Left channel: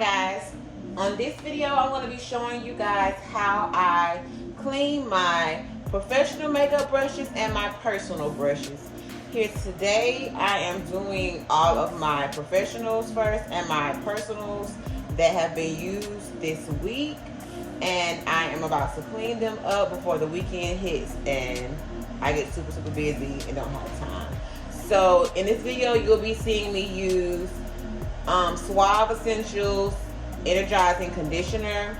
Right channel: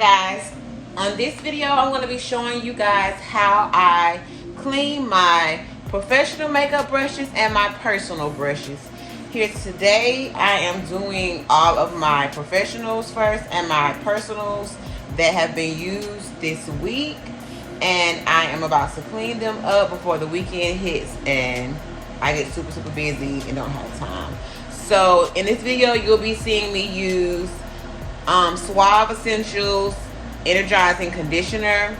Hi guys, on this video I'm going to be showing you guys how I clean my professional makeup brushes and my personal brushes. Here today I am doing all of my professionals first and my personals that have been used this week, and I am about to clean them up before the weekend hits and I get super busy and don't have time. So in this video you'll be seeing me use Suave Essentials Energizing Conditioner.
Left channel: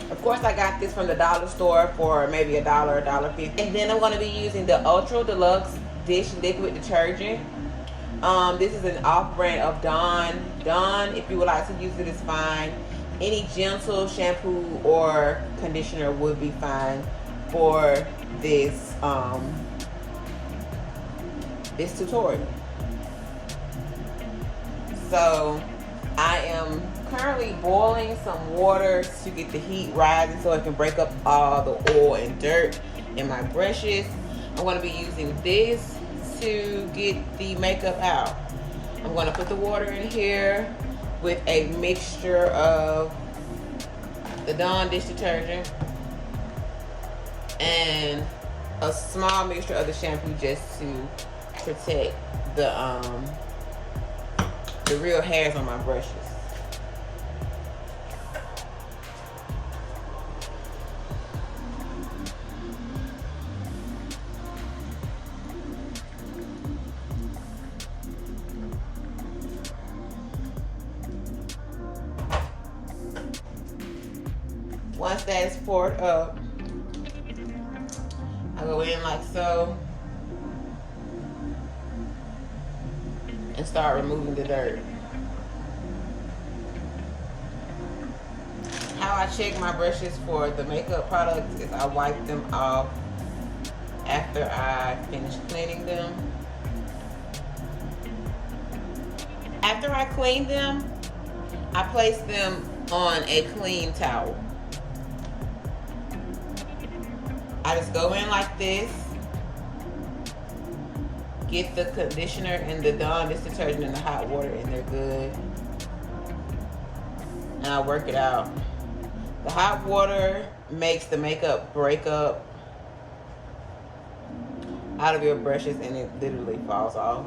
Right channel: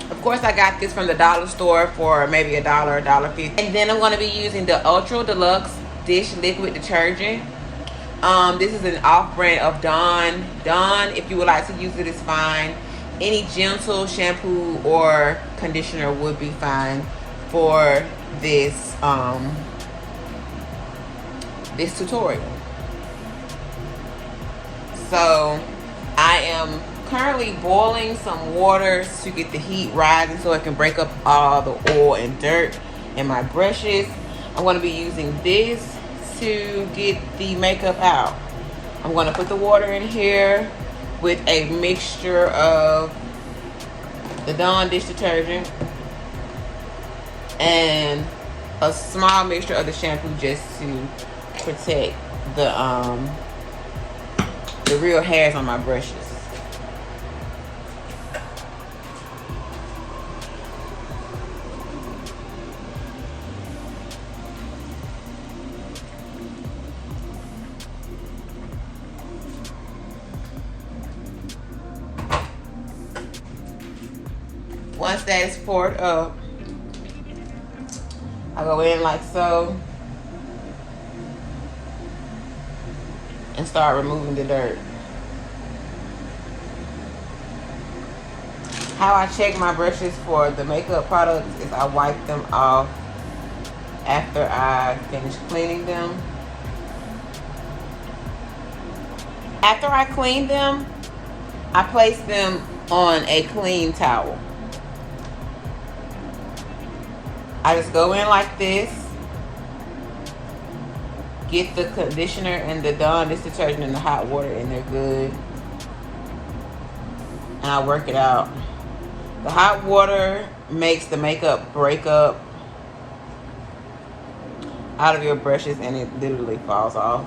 Of course, I got this from the dollar store for maybe $1, $1.50. And then I'm going to be using the Ultra Deluxe Dish Liquid Detergent. This is an off-brand of Dawn. Dawn, if you would like to use it, is fine. Any gentle shampoo or conditioner would be fine for this this tutorial. So I am currently boiling some water to get the heat rising so I can break up all the oil and dirt in my brushes. I'm going to be using this to get the makeup out. I'm going to put the water in here with a mixture of the Dawn dish detergent and a small mixture of the shampoo just to protect the real hairs on my brushes. Once that is poured up, I go in like so and start removing the dirt. How I check my brushes for the makeup products is I wipe them off after I finish cleaning them. After I clean them, I place them on a clean towel. I just go in like this, get the conditioner and the Dawn dish detergent in the hot water and they're good, and I work it out. The hot water makes the makeup break up out of your brushes and it literally falls off.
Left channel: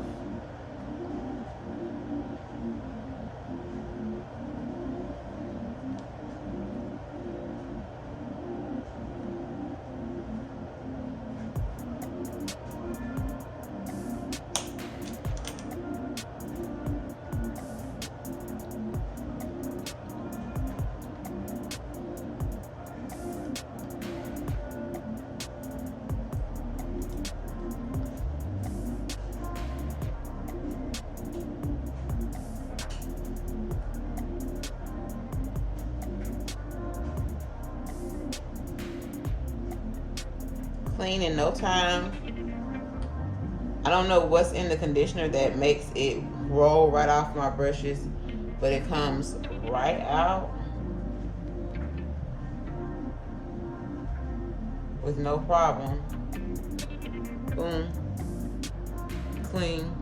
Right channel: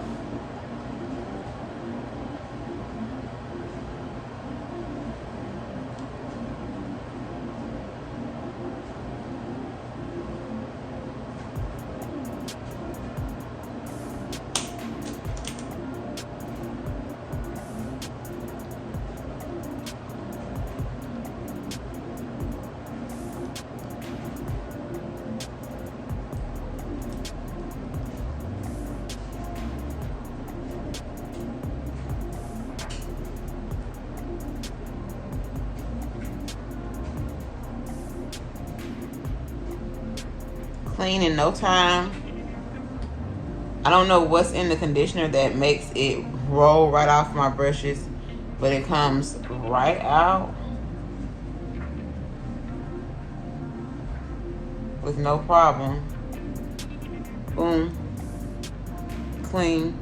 Clean in no time. I don't know what's in the conditioner that makes it roll right off my brushes, but it comes right out with no problem. Boom. Clean.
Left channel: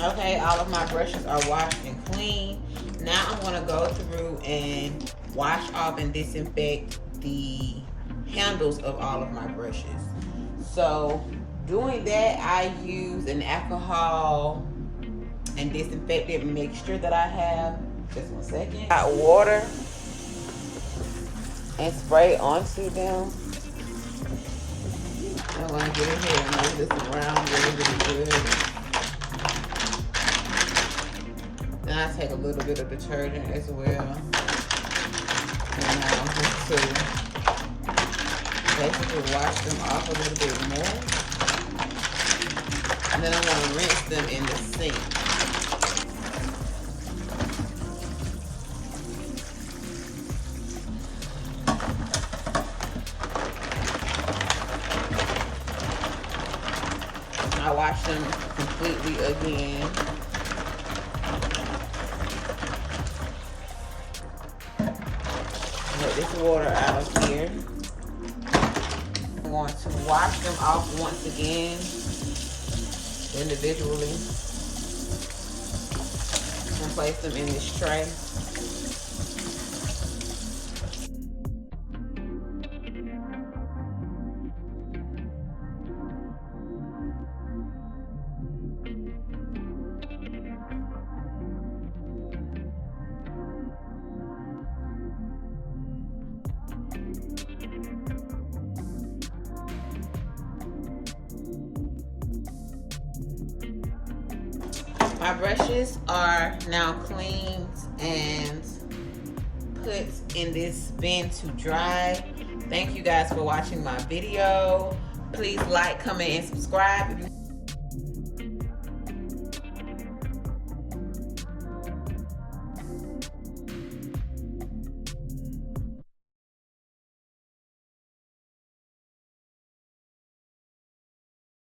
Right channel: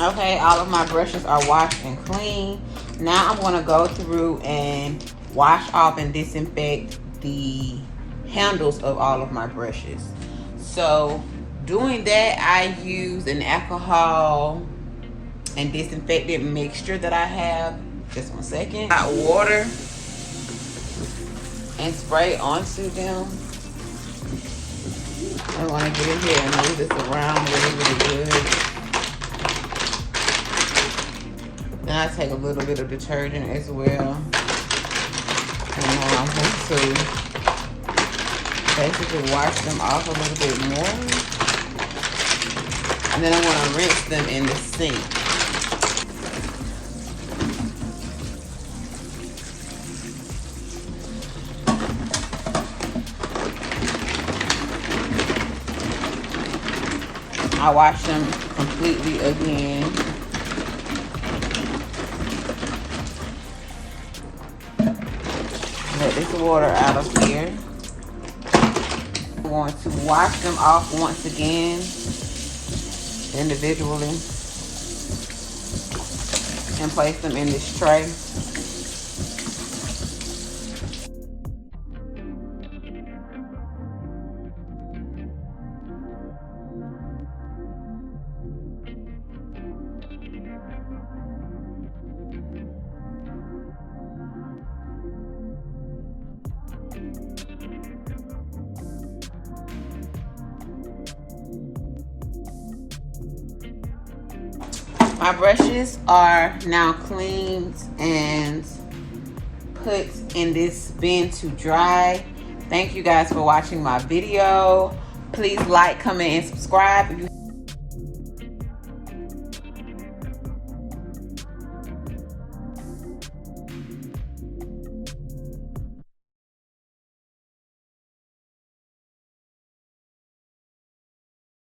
Okay, all of my brushes are washed and clean. Now I'm going to go through and wash off and disinfect the handles of all of my brushes. So doing that, I use an alcohol and disinfectant mixture that I have. Just 1 second. Hot water and spray onto them. I want to get in here and move this around really good. Now I take a little bit of detergent as well. And just to basically wash them off a little bit more. And then I want to rinse them in the sink. I wash them completely again. Let this water out of here. I'm going to wash them off once again, individually, and place them in this tray. My brushes are now cleaned and put in this bin to dry. Thank you guys for watching my video. Please like, comment, and subscribe.